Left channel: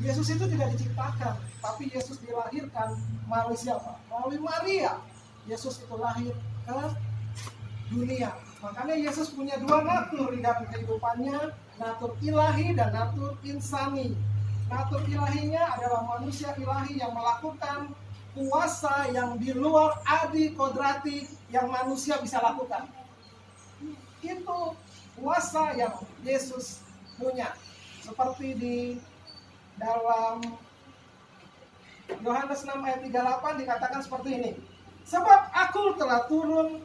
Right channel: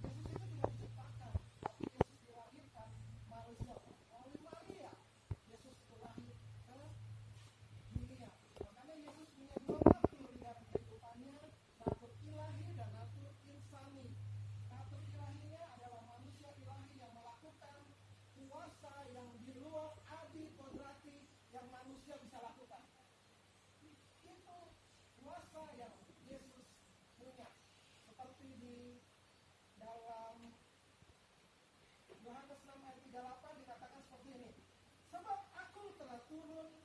Yesus itu tidak diciptakan, tapi Yesus dilahirkan melalui siapa? Melalui Maria. Yesus itu lahir ke dunia. Makanya Yesus punya dua natur di dalam kehidupannya, natur ilahi dan natur insani. Natur ilahinya adalah manusia ilahi yang melakukan kuasa yang di luar adi kodrati yang manusia bisa lakukan. Itu kuasa yang Yesus punya. Seperti di dalam Yohanes 6 ayat 38 dikatakan seperti ini. Sebab aku telah turun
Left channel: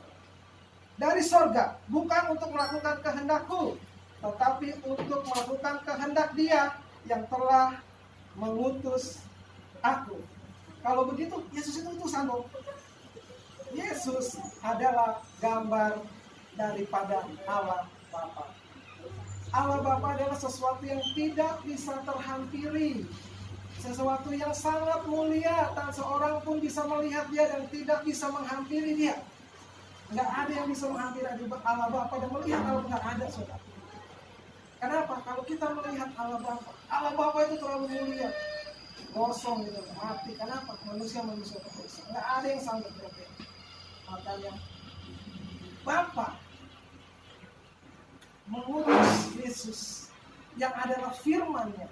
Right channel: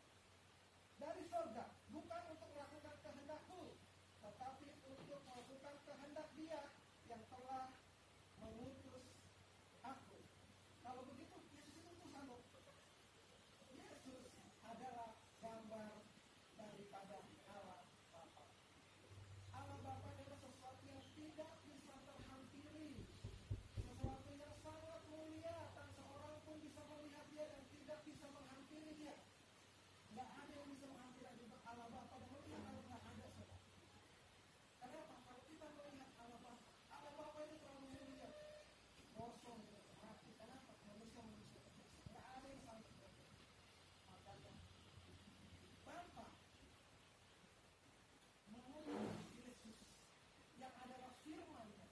dari sorga, bukan untuk melakukan kehendakku, tetapi untuk melakukan kehendak Dia yang telah mengutus aku. Kalau begitu, Yesus itu utusan dong. Yesus adalah gambar daripada Allah Bapa. Allah Bapa adalah sesuatu yang tidak bisa terhampiri, sesuatu yang sangat mulia, tak seorang pun bisa melihat Dia dan tidak bisa menghampiri Dia. Nggak ada yang bisa menghampiri Allah Bapa dan melihat Allah, nggak ada, saudara. Kenapa? Kalau kita melihat Allah Bapa itu terlalu mulia, kosong gitu, mati. Kenapa? Manusia terus. Nggak ada yang sanggup berbeda. Makanya Bapa mengutus Yesus yang adalah firman-Nya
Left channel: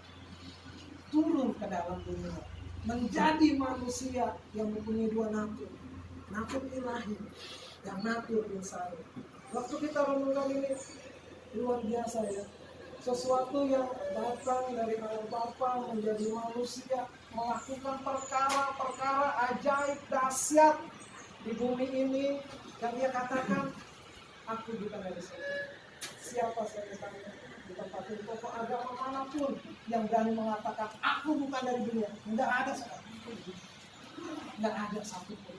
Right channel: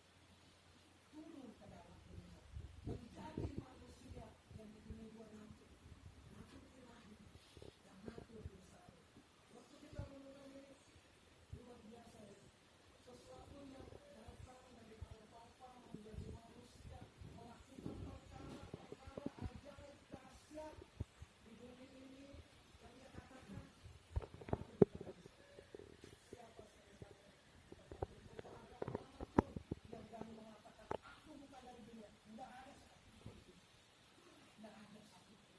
turun ke dalam dunia, menjadi manusia yang mempunyai dua natur, natur ilahi dan natur insani. Waktu kita renungkan ini luar biasa ya, sesuatu yang datang dari Allah Bapa menjadi manusia, melakukan perkara-perkara ajaib dahsyat di bumi ini, dan Dia katakan, aku bukan dari sini. Siapa saya ditanya di tempat tokoh agama manapun yang berani mengatakan aku bukan dari dunia? Tidak ada sekali. Tidak ada satupun.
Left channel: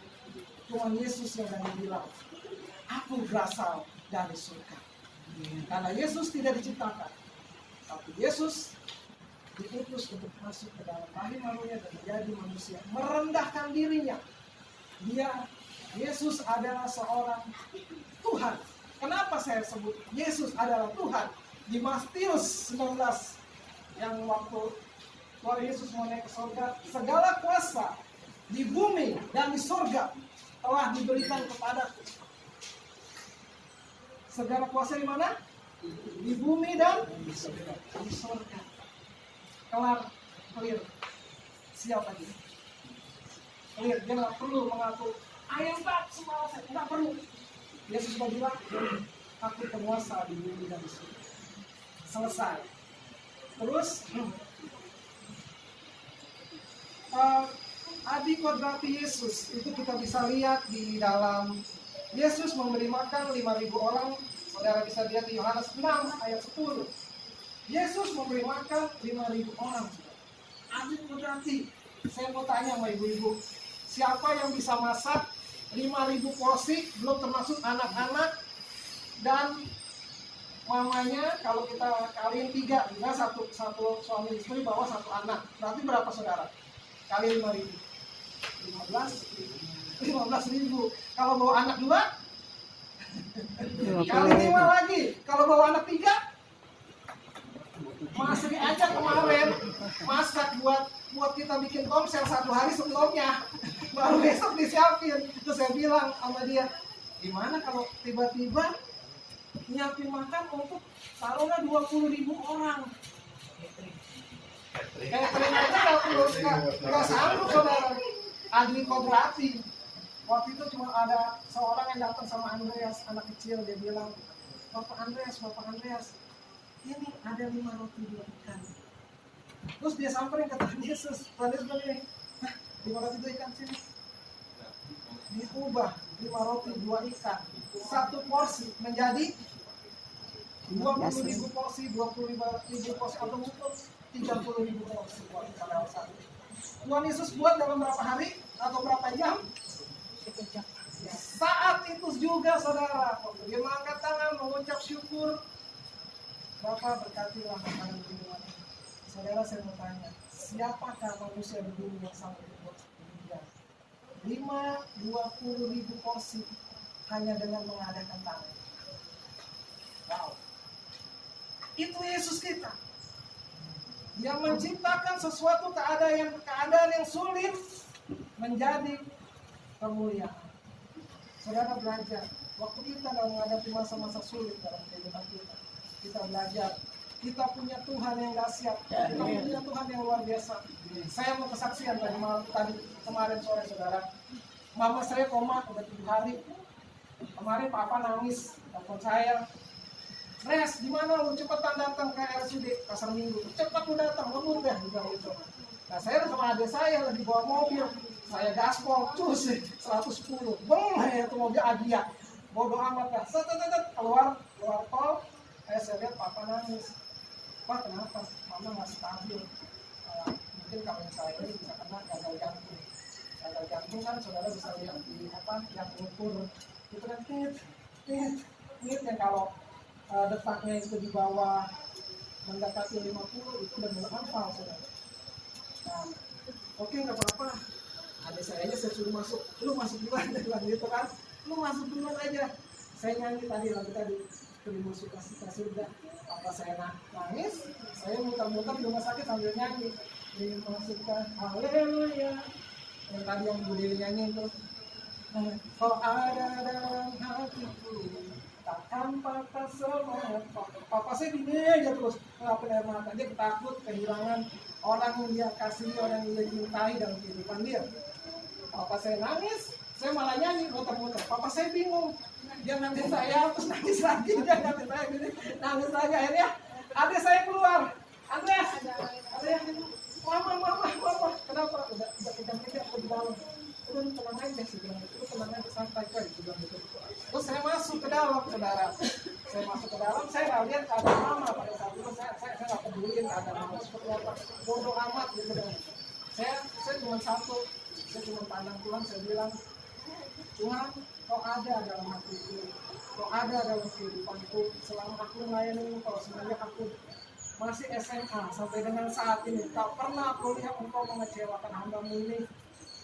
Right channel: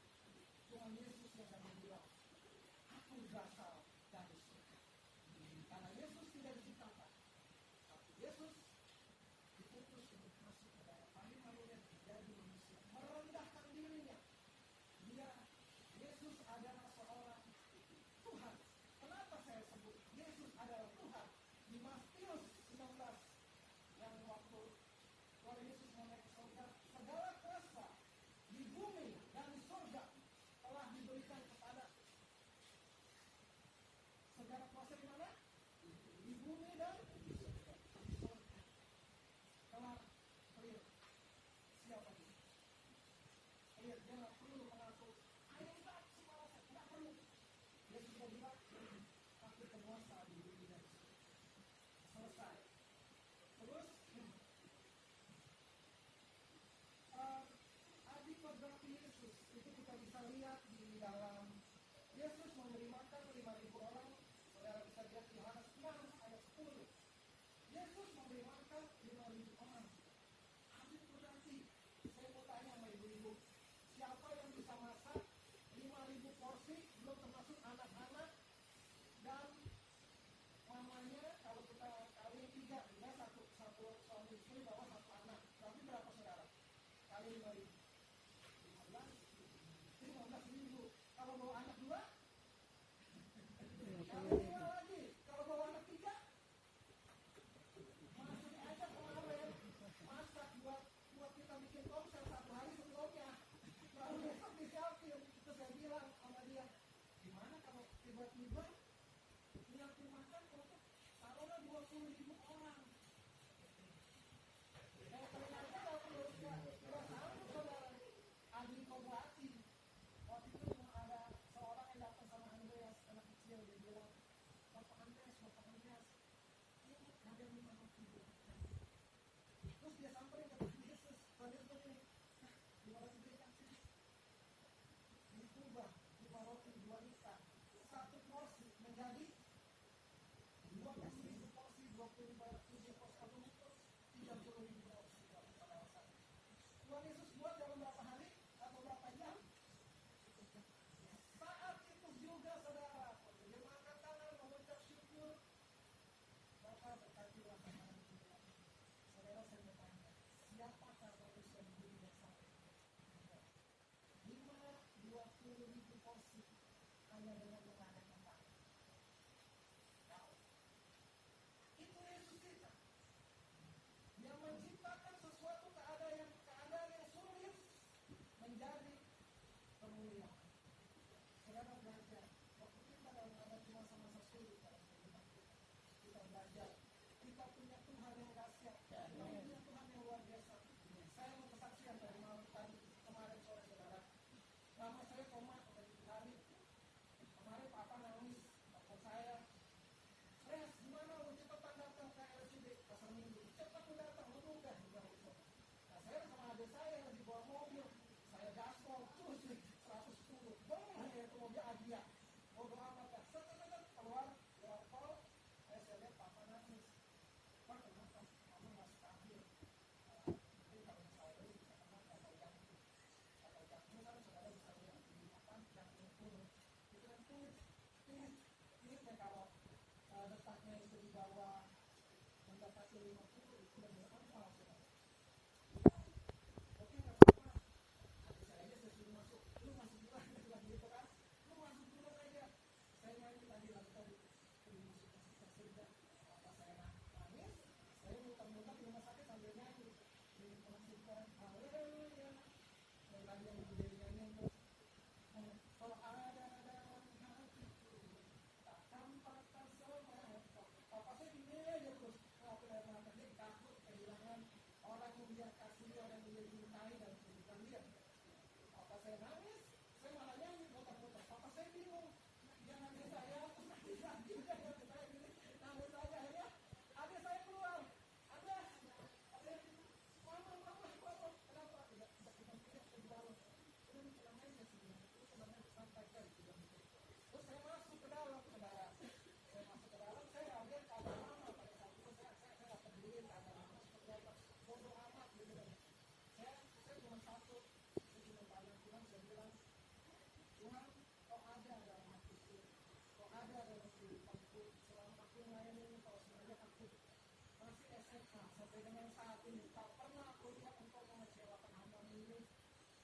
Cuma Yesus yang berani bilang, aku berasal dari surga. Karena Yesus tidak diciptakan, tapi Yesus diutus untuk masuk ke dalam rahim manusia dan menjadi manusia, merendahkan dirinya. Yesus adalah seorang Tuhan. Kenapa saya sebut Yesus adalah Tuhan? Di Matius 19 yang waktu Tuhan Yesus mau naik ke surga, segala kuasa di bumi dan di surga telah diberikan kepadaku. Segala kuasa di mana? Di bumi dan di surga. Kelar, clear. Siap lagi. Clear, dia nggak perlu mengaku ayam tak semua saya, nggak perlu. Yesus sudah bilang, aku penguasa di bumi dan di surga. Selesai. Terus adi kodrati Yesus itu kita bisa lihat di dalam Yesus memberi makan 5.000 orang. Saudara bisa lihat di Yohanes 6 ayat 10. Yesus memberi makan 5.000 orang. Adi kodrati. Saya mau tanya sama ibu-ibu, siapa yang bisa masak 5.000 porsi, belum termasuk anak-anak dan mamanya? Kalau kita kaliin 3, juga satu suami istri bawa 1 anak, berarti berapa saudara? Kali 5.000, 15.000. Kalau bawa anak 2, kali 5 lagi. Kalau bawa anak 3, masih aja kemarin masak buat kita bikin komsel 1 hari sebelumnya, baru besok disiapin. Terus saya bilang sama dia, gimana kalau tiba-tiba nyiapin makan untuk taruhlah 20.000 orang. Catering aja nggak sanggup saudara. Adi kodrati. Waktu itu cuma ada seorang yang datang sama Andreas, anak kecil. Dia bilang, Bapak Andreas, ini ada 5 roti 2 ikan. Terus dia samperin ke Tuhan Yesus. Tuhan Yesus bilang, 5 roti 2 ikan sini. Diubah 5 roti 2 ikan. 1 porsi menjadi 20.000 porsi, 25.000 porsi, atau mungkin 30.000 porsi. Tuhan Yesus buat dalam berapa hari atau berapa jam? Saat itu juga saudara, dia mengangkat tangan mengucap syukur. Bapak berkatilah makanan minuman. Saudara, saya mau tanya, siapakah manusia di dunia yang sanggup membuat demikian? 20.000 porsi hanya dengan mengadakan tangan. Wow. Itu Yesus kita. Dia menciptakan sesuatu keadaan yang sulit menjadi kemuliaan. Saudara belajar, waktu kita dalam menghadapi masa-masa sulit dalam kehidupan kita, kita belajar, kita punya Tuhan yang dahsyat, kita punya Tuhan yang luar biasa. Saya mau kesaksian tadi kemarin sore, saudara. Mama saya koma udah 7 hari. Kemarin papa nangis, telepon saya. Res, gimana lu cepetan datang ke RSUD Pasar Minggu? Cepat lu datang, ngebut deh, bilang gitu. Nah saya sama adik saya lagi bawa mobil, saya gaspol, cus 110, beng, itu mobil Agia, bodoh amat lah, keluar tol, saya lihat papa nangis. Pak kenapa? Mama nggak stabil. Mungkin kalau saya ini bisa kena gagal jantung. Gagal jantung kan saudara bisa lihat di yang ukur itu kan tit yang kalau detaknya itu di bawah mendekati 50 itu udah mulai hafal, saudara. Nah, oke, nggak apa-apa. Adik saya aja saya suruh masuk, lu masuk duluan, gitu kan, lu masuk duluan aja. Saya nyanyi tadi lagu tadi, terima kasih surga. Apa saya nangis, saya muter-muter di rumah sakit sambil nyanyi, terima kasih, haleluya. Yang tadi yang Bu Dewi nyanyi itu, kau ada dalam hatiku, takkan patah semangat. Papa saya gini aja terus ngelakuin air mata, dia takut kehilangan orang yang dia kasihi, orang yang dia cintai dalam kehidupan dia. Papa saya nangis, saya malah nyanyi muter-muter. Papa saya bingung, dia nanti saya terus nangis lagi, dia nanti saya gini, nangis lagi. Akhirnya adik saya keluar, Andreas, mama, kenapa? Udah kejam-kejam aku di dalam. Udah tenang aja sih, bilang itu tenang aja, santai kok, bilang gitu. Terus saya masuk ke dalam, saudara. Saya masuk ke dalam, saya nggak lihat keadaan mama pada saat itu. Saya nggak peduliin keadaan mama seperti apa, bodoh amat gitu dong. Saya cuma satu, saya cuma pandang Tuhan, saya bilang, Tuhan, kau ada dalam hatiku, kau ada dalam kehidupanku. Selama aku melayani engkau, semenjak aku masih SMA sampai dengan saat ini, tak pernah aku lihat engkau mengecewakan hamba-Mu ini.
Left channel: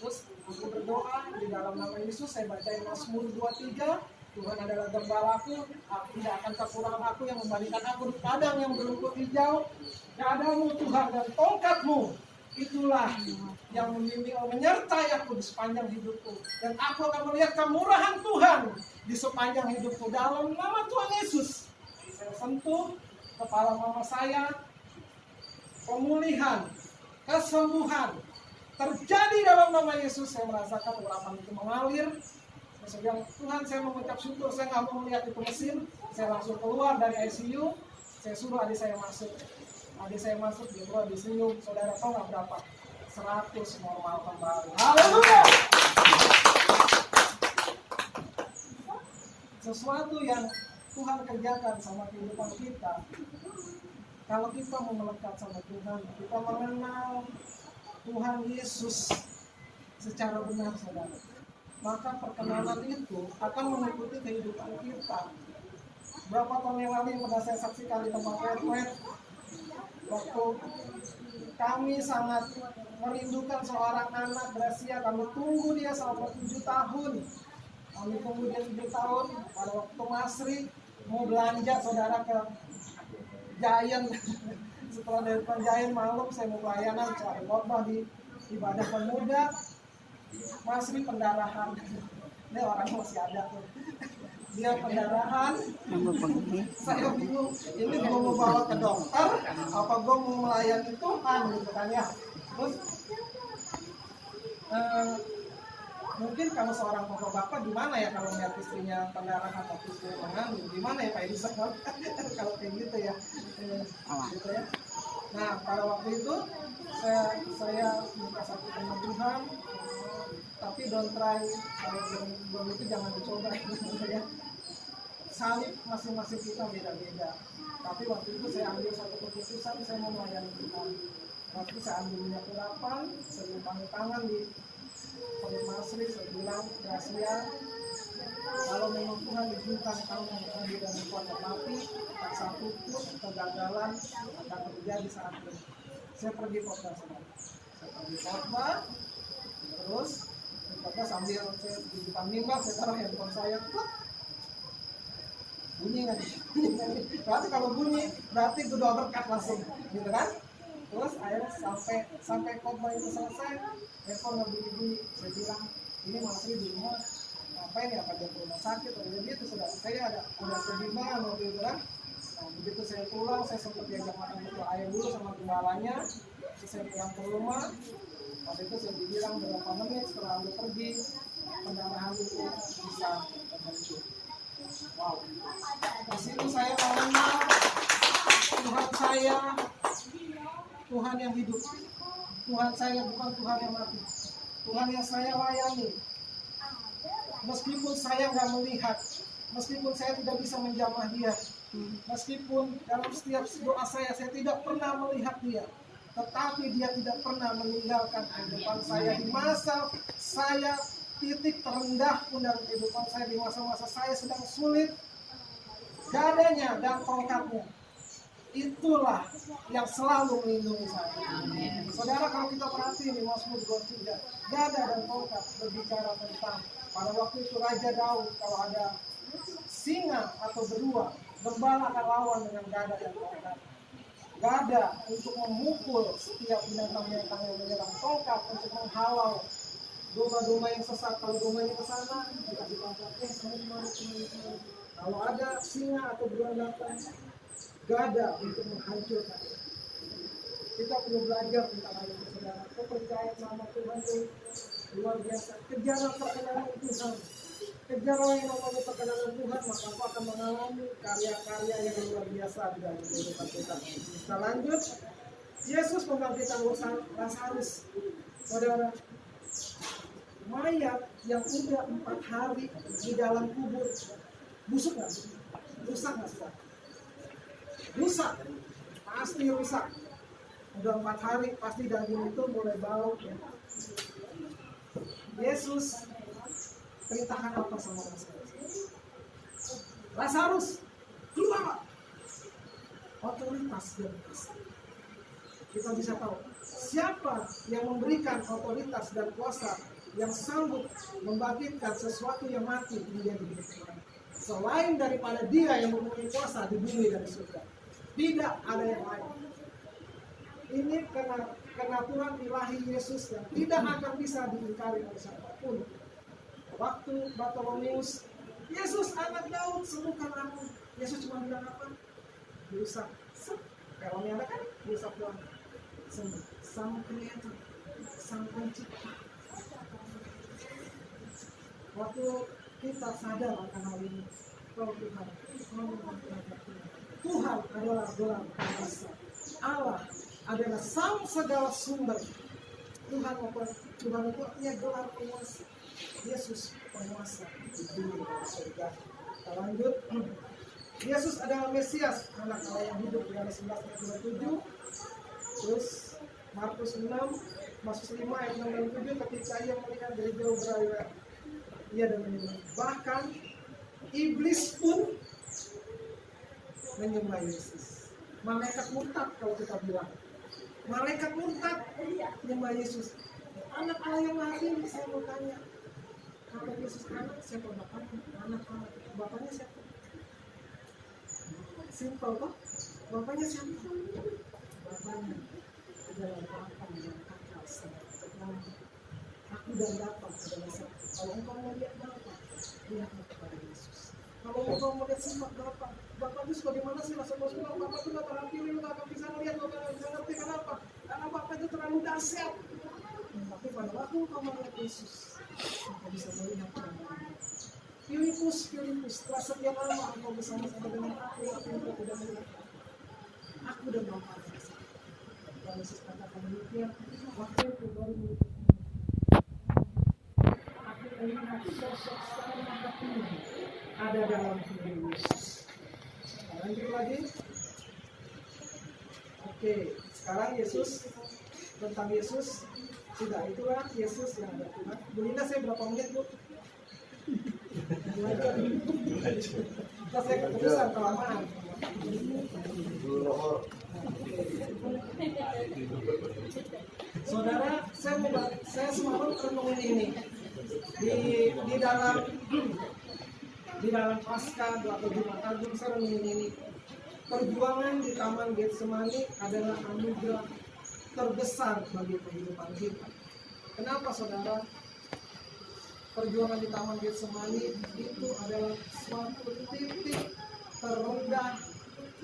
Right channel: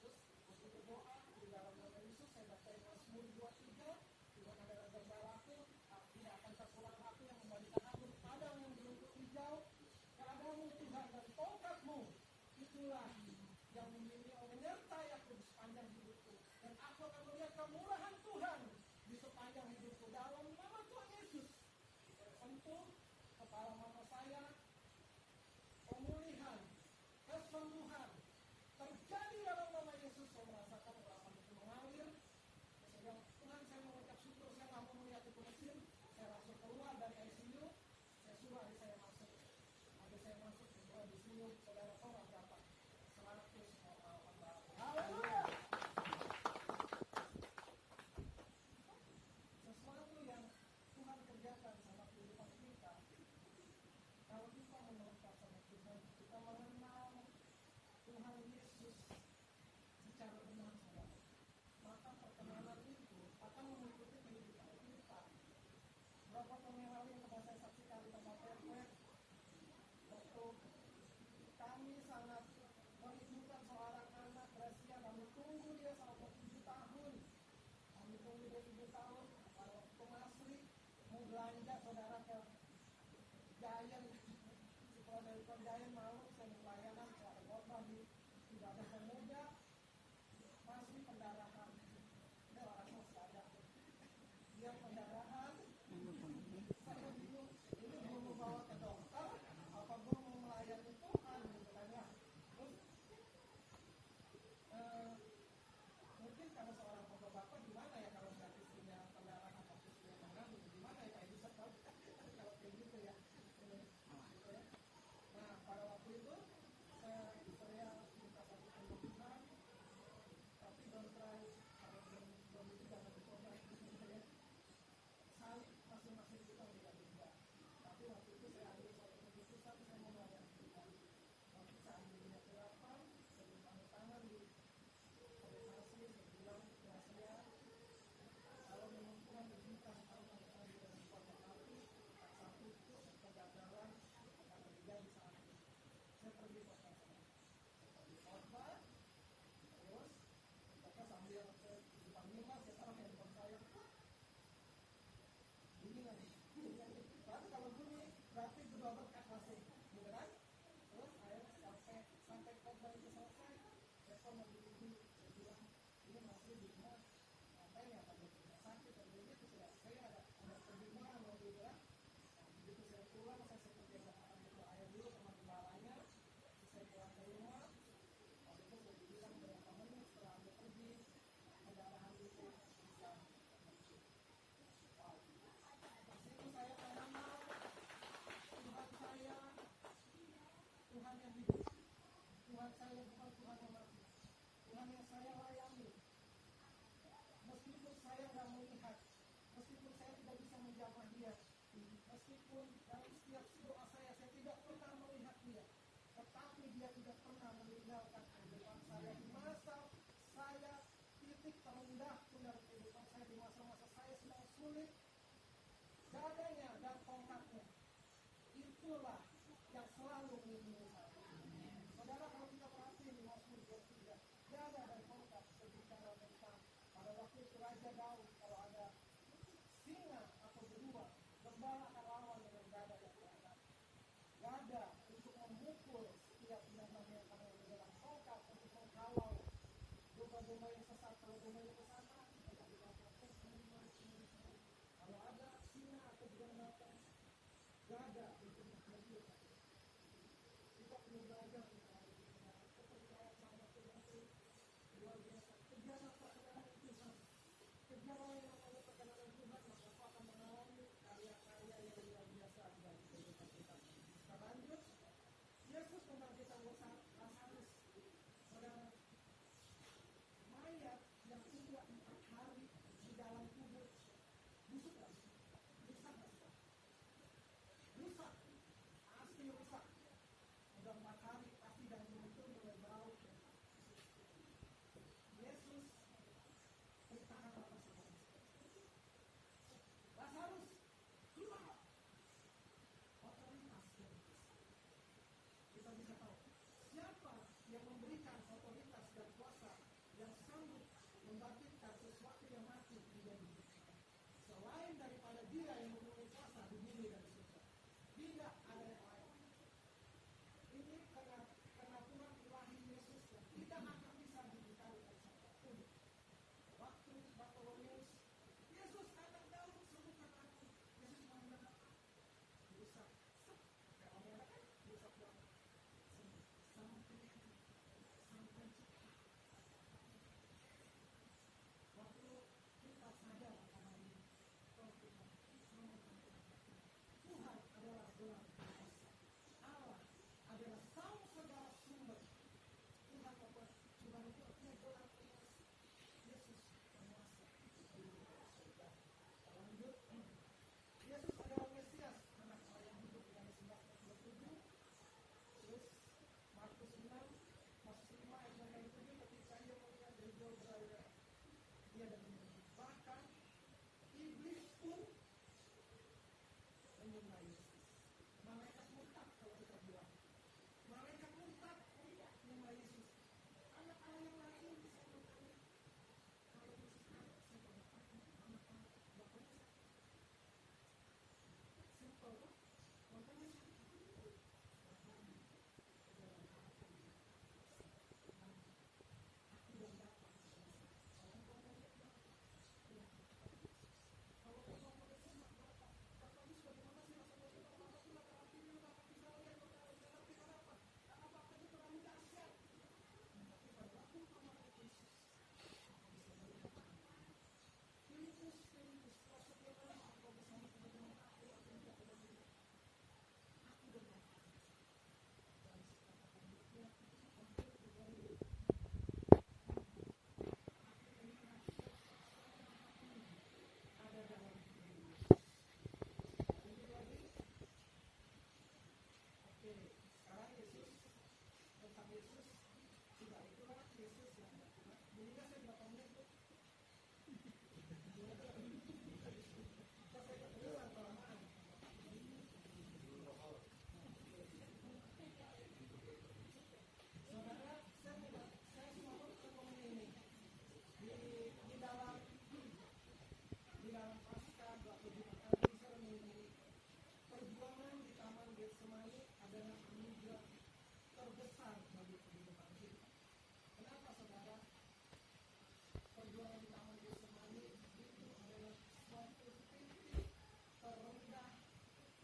Terus aku berdoa di dalam nama Yesus, saya bacain Mazmur 23, Tuhan adalah gembalaku, aku tidak akan kekurangan, aku yang memberikan aku di padang yang berumput hijau. Padamu Tuhan dan tongkat-Mu, itulah yang membimbing menyertai aku di sepanjang hidupku, dan aku akan melihat kemurahan Tuhan di sepanjang hidupku. Dalam nama Tuhan Yesus, saya sentuh kepala mama saya, pemulihan, kesembuhan terjadi dalam nama Yesus. Saya merasakan urapan itu mengalir. Saya bilang, Tuhan, saya mengucap syukur, saya nggak mau melihat itu mesin. Saya langsung keluar dari ICU, saya suruh adik saya masuk. Adik saya masuk, dia keluar disenyum. Saudara tahu nggak berapa? 100 normal kembali. Haleluya! Sesuatu yang Tuhan kerjakan sama kehidupan kita, kalau kita mau melekat sama Tuhan, kita mengenal Tuhan Yesus secara benar, saudara, maka perkenalan itu akan mengikuti kehidupan kita. Berapa tahun yang lalu yang pernah saya saksikan di tempat wet, waktu kami sangat merindukan seorang anak Gracia, kami tunggu dia selama 7 tahun. Kami tunggu dia 7 tahun. Pada waktu Masri mau belanja, saudara, ke Giant. Setelah dari Giant malam saya mau pelayanan, cari khotbah di ibadah pemuda. Masri pendarahan. Ini orangnya masih ada tuh. Dia pendarahan. Saya bingung, ini gue mau bawa ke dokter apa gue mau melayani Tuhan, gitu kan ya. Terus mungkin kalau seorang bapak gimana ya kalau melihat istrinya pendarahan atau istrinya mengandung, gimana ya Pak Elisa kalau kayak gitu ya, gitu ya. Nah pada waktu itu saya minta satu sama Tuhan, tapi don't try, kalau belum itu jangan dicoba, gitu ya. Salib masing-masing kita beda-beda, tapi waktu itu saya ambil satu keputusan, saya mau melayani Tuhan. Waktu saya ambil minyak urapan, saya lumpangin tangan di perut Masri, saya bilang, Gracia, kalau memang Tuhan izinkan kamu menjadi dan kuat mati, tak satu pun kegagalan akan terjadi saat ini. Saya pergi khotbah, saya pergi khotbah, terus khotbah sambil saya di depan mimbar, saya taruh handphone saya, bunyi nggak? Berarti kalau bunyi, berarti doa berkat langsung, gitu kan? Terus akhirnya sampai khotbah itu selesai, telepon ngebunyi-bunyi. Saya bilang, ini Mas Ri di rumah ngapain ya, pada rumah sakit atau gitu. Sudah saya ada kebimbangan waktu itu kan. Nah, begitu saya pulang, saya sempat diajak makan betul ayam dulu sama gembalanya. Terus saya pulang ke rumah. Waktu itu saya dibilang berapa menit setelah Anda pergi, pendarahan itu bisa terbentuk. Wow. Di situ saya mengenal Tuhan saya, Tuhan yang hidup. Tuhan saya bukan Tuhan yang mati. Tuhan yang saya layani. Meskipun saya nggak melihat, meskipun saya tidak bisa menjamah dia, meskipun dalam setiap doa saya tidak pernah melihat dia, tetapi dia tidak pernah meninggalkan kehidupan saya di masa saya titik terendah pun dalam kehidupan saya, di masa-masa saya sedang sulit. Gadanya dan tongkatnya itulah yang selalu melindungi saya. Saudara, kalau kita perhatiin di Mazmur 23, gada dan tongkat berbicara tentang pada waktu itu Raja Daud, kalau ada singa atau beruang, gembala akan lawan dengan gada dan tongkat. Gada untuk memukul setiap binatang-binatang yang menyerang, tongkat untuk menghalau domba-domba yang sesat. Kalau dombanya ke sana, kita ditangkap, kemana. Kalau ada singa atau beruang datang, gada untuk menghancurkan. Kita perlu belajar tentang hal itu, saudara. Kepercayaan sama Tuhan itu luar biasa. Kejarlah perkenanan Tuhan. Kejarlah yang namanya perkenanan Tuhan, maka aku akan mengalami karya-karya yang luar biasa di dalam kehidupan kita. Kita lanjut. Yesus membangkitkan Lazarus. Saudara, mayat yang udah 4 hari di dalam kubur, busuk nggak? Rusak nggak sih? Rusak, pasti rusak. Udah 4 hari, pasti daging itu mulai bau. Ya. Yesus perintahkan apa sama Lazarus? Lazarus, keluar. Otoritas dan kuasa. Kita bisa tahu siapa yang memberikan otoritas dan kuasa yang sanggup membangkitkan sesuatu yang mati menjadi hidup. Selain daripada Dia yang mempunyai kuasa di bumi dan di surga, tidak ada yang lain. Ini kenaturan ilahi Yesus yang tidak akan bisa diingkari oleh siapapun. Waktu Bartolomeus, Yesus anak Daud, sembuhkan aku. Yesus cuma bilang apa? Diusap. Kalau ada kan diusap doang. Sembuh. Sang Kreator, Sang Pencipta. Waktu kita sadar akan hal ini, kalau Tuhan adalah gelar kuasa. Allah adalah sang segala sumber. Tuhan itu artinya gelar penguasa. Yesus penguasa di bumi dan surga. Kita lanjut. Yesus adalah Mesias, anak Allah yang hidup, Yohanes 11:27. Terus Markus 6, Markus 5 ayat 6 dan 7, ketika ia melihat dari jauh berlari, ia dan menyembah. Bahkan iblis pun menyembah Yesus. Malaikat murtad kalau kita bilang. Malaikat murtad menyembah Yesus. Anak Allah yang mati, saya mau tanya. Kalau Yesus anak, siapa bapaknya? Anak Allah. Bapaknya siapa? Simpel kok. Bapaknya siapa? Bapaknya adalah Bapa yang kekal selama. Aku dan Bapa adalah satu. Kalau engkau mau lihat Bapa, lihatlah kepada Yesus. Kalau engkau mau lihat sifat Bapa, Bapa itu sebagaimana sih? Rasul-rasul Bapa itu gak terlalu pilih, lu gak akan bisa melihat, lu gak bisa ngerti. Kenapa? Karena Bapa itu terlalu dahsyat. Tapi pada waktu engkau melihat Yesus, engkau bisa melihat Bapa. Filipus, setelah sekian lama engkau bersama-sama dengan aku engkau tidak melihat aku dan Bapa adalah satu. Dan Yesus katakan demikian, waktu itu baru aku melihat sosok sang Maha Tinggi ada dalam hidup Yesus. Lanjut lagi. Oke, sekarang Yesus, tentang Yesus sudah, itulah Yesus yang ada Tuhan. Bu Linda, saya berapa menit, Bu? Kita saya keputusan kelamaan. Saudara, saya semalam renungin ini di dalam Paskah atau Jumat Agung. Saya renungin ini. Perjuangan di Taman Getsemani adalah anugerah terbesar bagi kehidupan kita. Kenapa saudara? Perjuangan di Taman Getsemani itu adalah suatu titik terendah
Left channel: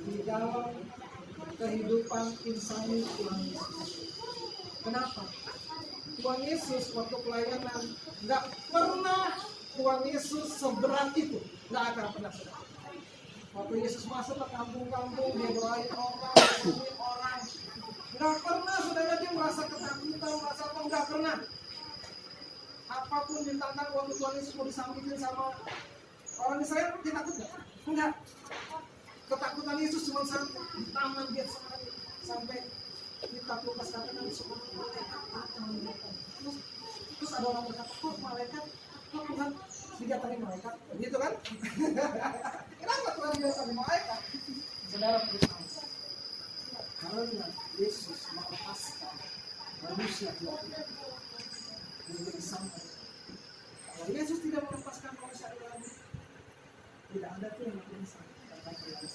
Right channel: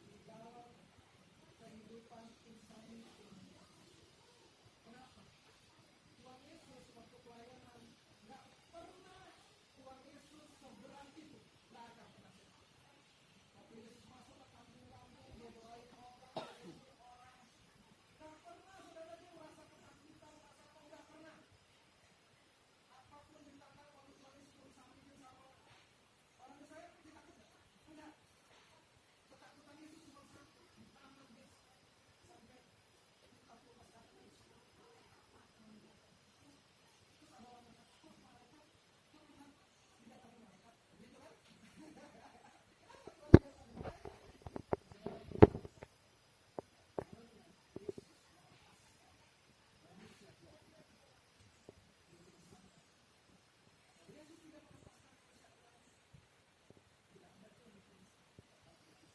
di dalam kehidupan insani Tuhan Yesus. Kenapa? Tuhan Yesus waktu pelayanan nggak pernah Tuhan Yesus seberat itu, nggak akan pernah seberat. Waktu Yesus masuk ke kampung-kampung, dia doain orang, sembuhin orang, nggak pernah saudara dia merasa ketakutan, merasa apa, nggak pernah. Apapun ditantang waktu Tuhan Yesus mau disambitin sama orang Israel, dia takut nggak? Enggak. Ketakutan Yesus cuma sampai di taman Getsemani, sampai kita Lukas katakan semua malaikat akan mendatang. Terus ada orang berkata, kok malaikat, kok Tuhan didatangi malaikat, gitu kan? Kenapa Tuhan didatangi malaikat? Saudara beritahu, karena Yesus melepaskan manusia Tuhan menjadi sampai. Kalau Yesus tidak melepaskan manusia lagi, tidak ada tuh yang bisa katakan Yesus.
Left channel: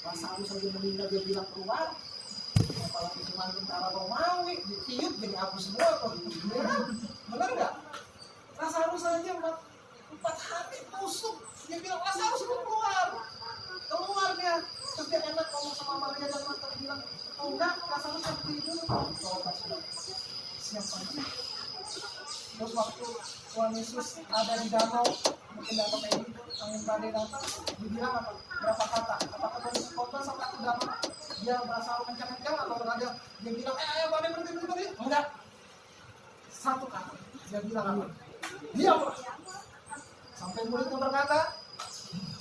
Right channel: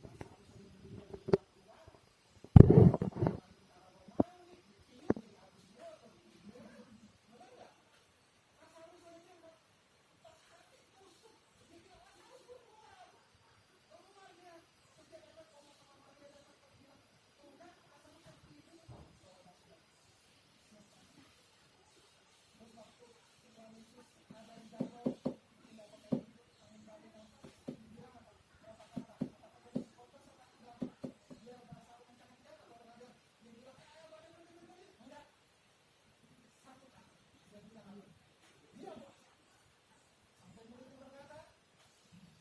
Lazarus saja meninggal dia bilang keluar. Kalau cuma tentara Romawi ditiup jadi hapus semua kok. Benar nggak? Lazarus saja 4 hari busuk. Dia bilang Lazarus keluar. Keluar dia. Terus dia enak ngomong sama Maria dan Marta bilang, oh enggak, Lazarus tidur. Coba sudah. Siapa aja? Terus waktu Tuhan Yesus ada di danau, mungkin danau kayak gitu, angin badai datang, dibilang apa? Berapa kata? Apakah Tuhan Yesus khotbah sampai ke danau? Dia berasa kencang-kencang atau ada dia bilang, ayo badai berhenti? Enggak. Satu kata. Dia bilang apa? Diamlah. Sampai muridnya berkata,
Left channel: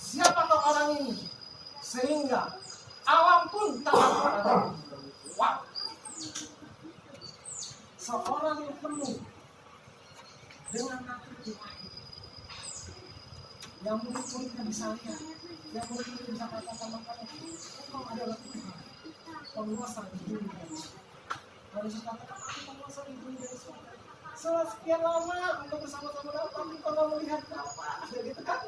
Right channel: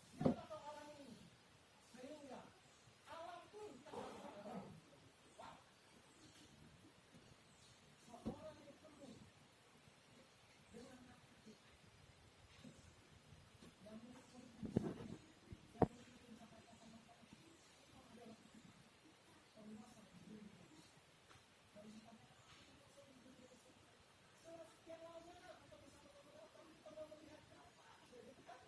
siapakah orang ini? Sehingga alam pun tak ada. Wah. Seorang yang penuh dengan nafsu Tuhan, yang murid-muridnya bisa lihat, yang murid-muridnya bisa katakan engkau adalah Tuhan, penguasa di bumi dan surga. Lalu Yesus katakan, aku penguasa di bumi dan surga. Setelah sekian lama engkau bersama-sama dalam, tapi engkau tidak melihat apa, gitu kan?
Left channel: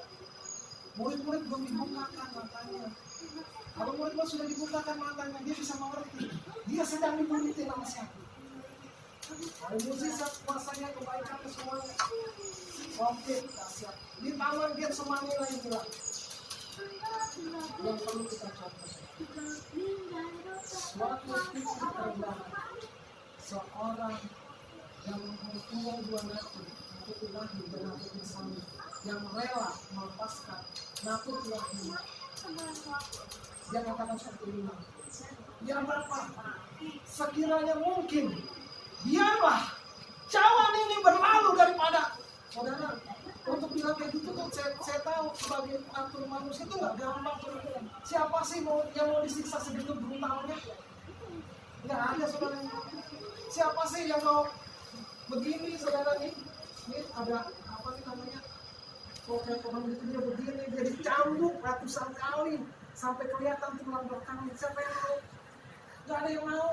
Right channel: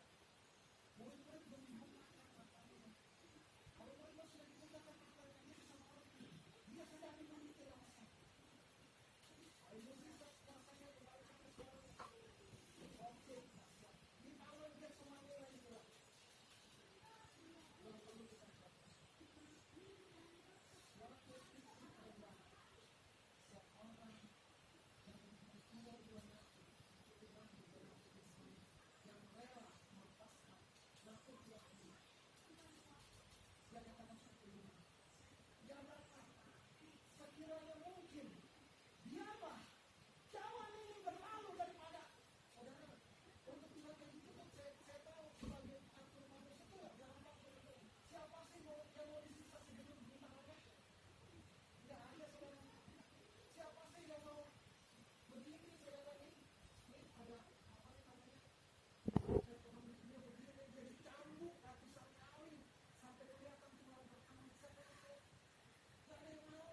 Murid-murid belum dibukakan matanya. Kalau murid-murid sudah dibukakan matanya, dia bisa mengerti. Dia sedang dimulitin sama siapa? Hari mukjizat kuasanya kebaikannya semuanya. Oke, dahsyat. Di taman Getsemani lagi bilang. Yang perlu kita catat. Suatu titik terendahan. Seorang yang mempunyai 2 natur, natur ilahi dan natur insani, yang rela melepaskan natur ilahi. Dia katakan seperti ini. Yang berapa? Sekiranya mungkin, biarlah cawan ini berlalu daripada. Saudara, untuk bilang kayak gitu tuh saya tahu sebagai atur manusia itu nggak gampang. Siapa sih yang mau disiksa segitu brutalnya? Nggak ada saudara. Siapa sih yang mau begini saudara nih? Ini ada apa nih namanya? Kayak orang itu dia begini, dia dicambuk ratusan kali sampai kelihatan tulang belakangnya. Siapa yang mau? Nggak ada yang mau.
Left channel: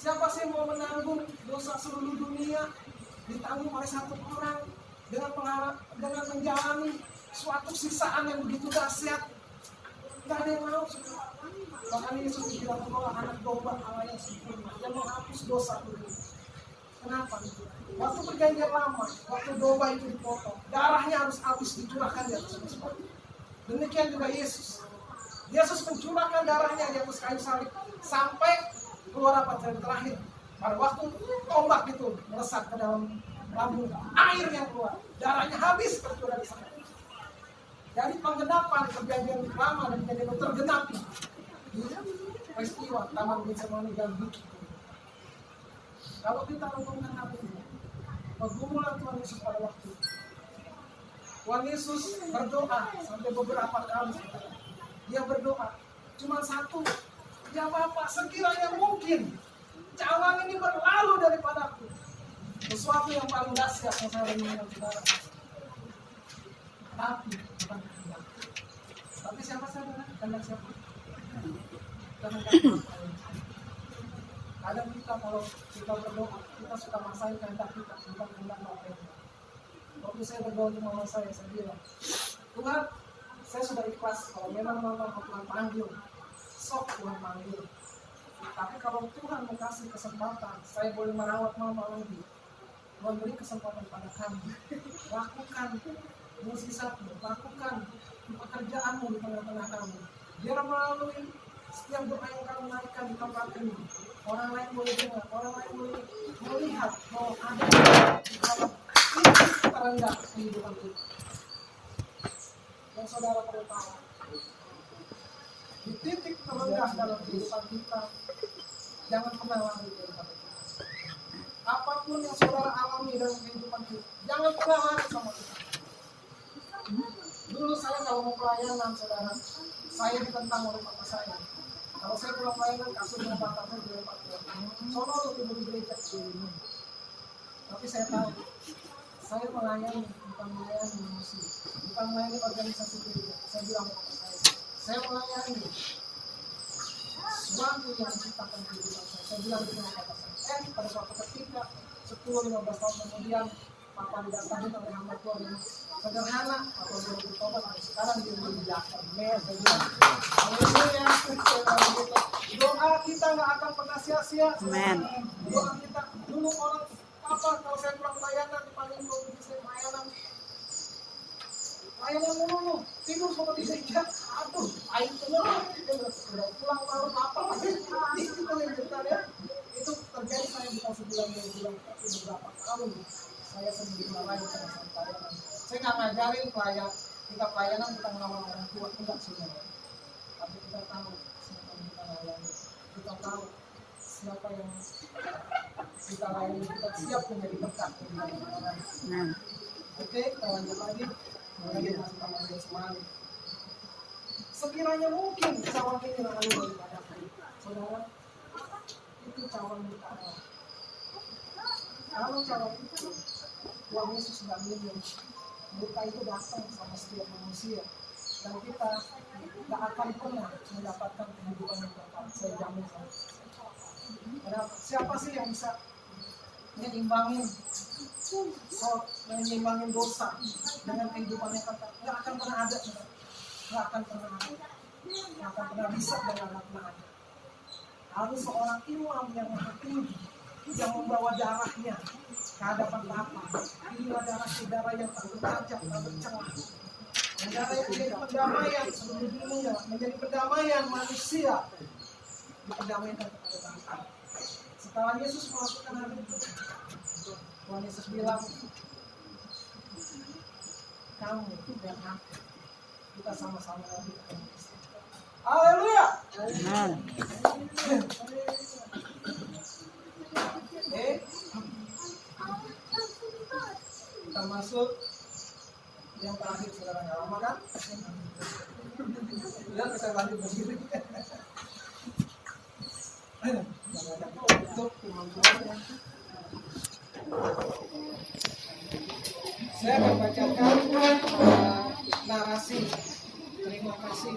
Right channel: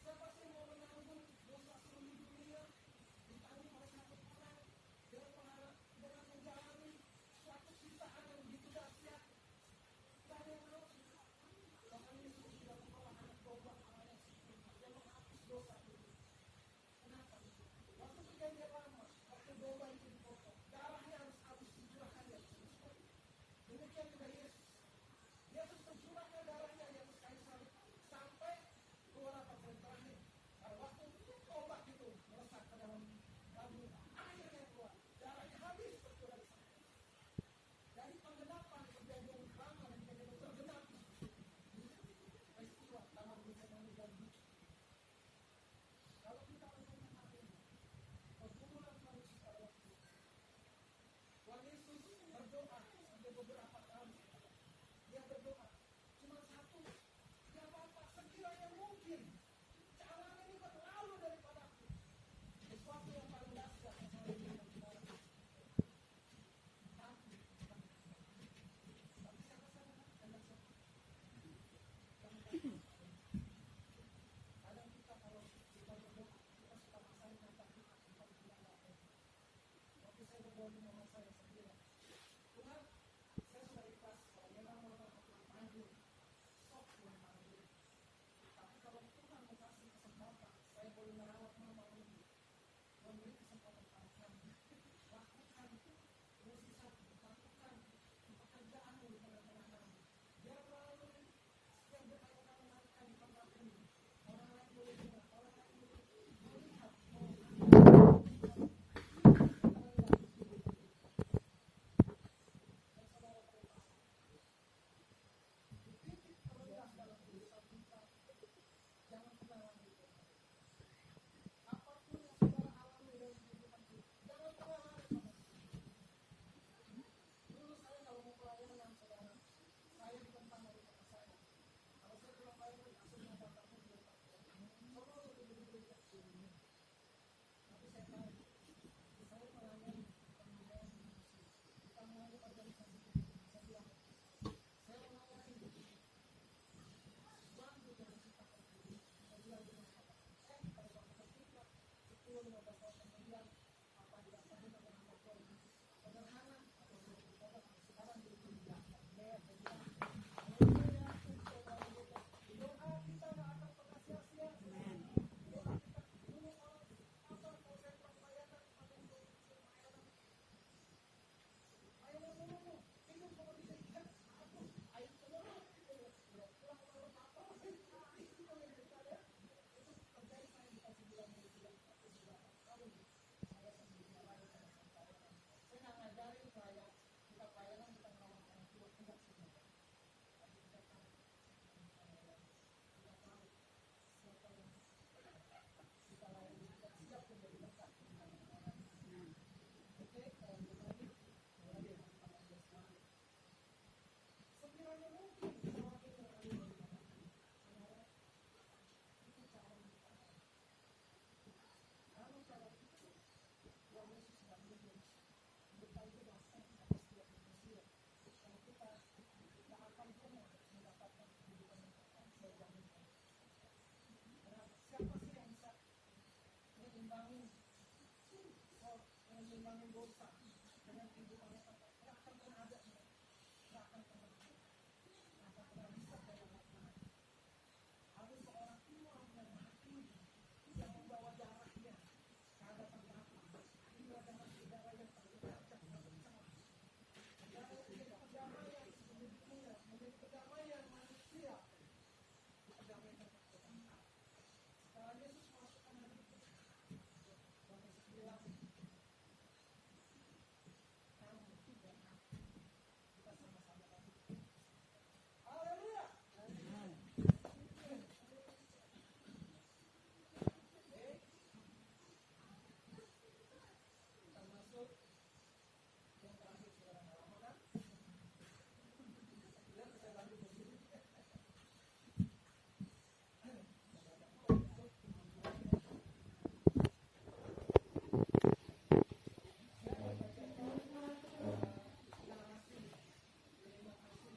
Siapa sih mau menanggung dosa seluruh dunia ditanggung oleh satu orang dengan menjalani suatu siksaan yang begitu dahsyat? Tidak ada yang mau. Bahkan Yesus bilang bahwa anak domba Allah yang sempurna yang menghapus dosa dunia. Kenapa? Waktu perjanjian lama, waktu domba itu dipotong, darahnya harus habis dicurahkan di atas kayu salib. Demikian juga Yesus. Yesus mencurahkan darahnya di atas kayu salib sampai keluar apa terakhir. Pada waktu tombak itu melesat ke dalam lambung, air yang keluar, darahnya habis tercurah di sana. Jadi penggenapan perjanjian lama dan perjanjian tergenapi di peristiwa Taman Getsemani dan Bukit. Kalau kita ngomongkan hal ini, pergumulan Tuhan Yesus pada waktu itu, Tuhan Yesus berdoa sampai beberapa kali. Dia berdoa cuma satu, ya Bapa, sekiranya mungkin cawan ini berlalu daripadaku. Sesuatu yang paling dahsyat yang saya dengar saudara. Tapi bukan kehendak. Tapi siapa saudara? Kehendak siapa? Kehendak Tuhan. Kadang kita kalau kita berdoa, kita suka maksain kehendak kita, bukan kehendak Bapa. Waktu saya berdoa di mama saya bilang, Tuhan, saya sudah ikhlas kalau memang mama Tuhan panggil, sok Tuhan panggil. kasih kesempatan, saya boleh merawat mama lagi. Tuhan beri kesempatan pada kami. Lakukan musisatmu, lakukan pekerjaanmu di tengah-tengah kami. Biar melalui setiap doa yang kami naikkan di tempat ini, orang lain boleh dengar, orang lain boleh melihat bahwa ada titik terendah kehidupan kita. Dan saudara perlu tahu, di titik terendah dalam kehidupan kita, jangan pernah lari dari hati kita. Apapun yang saudara alami dalam kehidupan kita, jangan pernah lari sama kita. Dulu saya kalau mau pelayanan, saudara, saya ditentang oleh papa saya. Kalau saya pulang pelayanan, kasurnya bapak saya dilempar ke sono lu tidur di gereja. Tapi saya tahu, saya melayani, bukan melayani manusia, bukan melayani organisasi gereja. Saya bilang ke papa saya melayani suatu yang menciptakan kehidupan saya. Saya bilang dengan papa saya. Pada suatu ketika 10-15 tahun kemudian, papa didatangi oleh hamba Tuhan yang sederhana, atau baru bertobat, dan sekarang dia menjadi jaksa. Saya bilang, haleluya, doa kita nggak akan pernah sia-sia. Doa kita dulu orang apa kalau saya pulang pelayanan dipanggil untuk saya pelayanan dulu tidur sama di gereja, aduh, air keluar, udah pulang malam apa lagi itu ya. Itu terjadi saya dikasih bulan beberapa tahun saya sendiri melayani sama pelayanan. Saya nggak ngajarin kita pelayanan kita ngelawan orang tua, enggak sebenarnya. Tapi kita tahu siapa yang kita layani, kita tahu siapa yang kita layani, kita siap menjadi berkat bagi orang. Oke, kita lanjut lagi. Kemudian masih tambah semangat. Sekiranya mungkin cawan ini lalu daripada saudara, itu cawan kita. Kalau cawan itu Tuhan Yesus sudah minum, luka itu datang sama setiap manusia, dan kita tidak akan pernah mendapatkan kehidupan yang kekal. Saya jamin. Siapa sih yang bisa menyeimbangin dosa dengan kehidupan yang kekal? Tidak akan pernah ada. Tidak akan pernah ada. Tidak akan pernah bisa dan tidak akan pernah ada. Harus seorang imam yang maha tinggi yang membawa darahnya ke hadapan Bapa. Inilah darah saudara yang tak bercacat, tak bercelah. Darah yang menjadi pendamaian seluruh dunia, menjadi pendamaian manusia, diperdamaikan kepada Bapa. Setelah Yesus melakukan hal itu, Tuhan Yesus bilang, kamu dan aku, kita sama-sama lagi ketemu. Haleluya. Kita masuk yang terakhir, saudara, nggak lama kan? Lihat kita lanjut berdiri. Saya akan bacakan narasi. Terima kasih.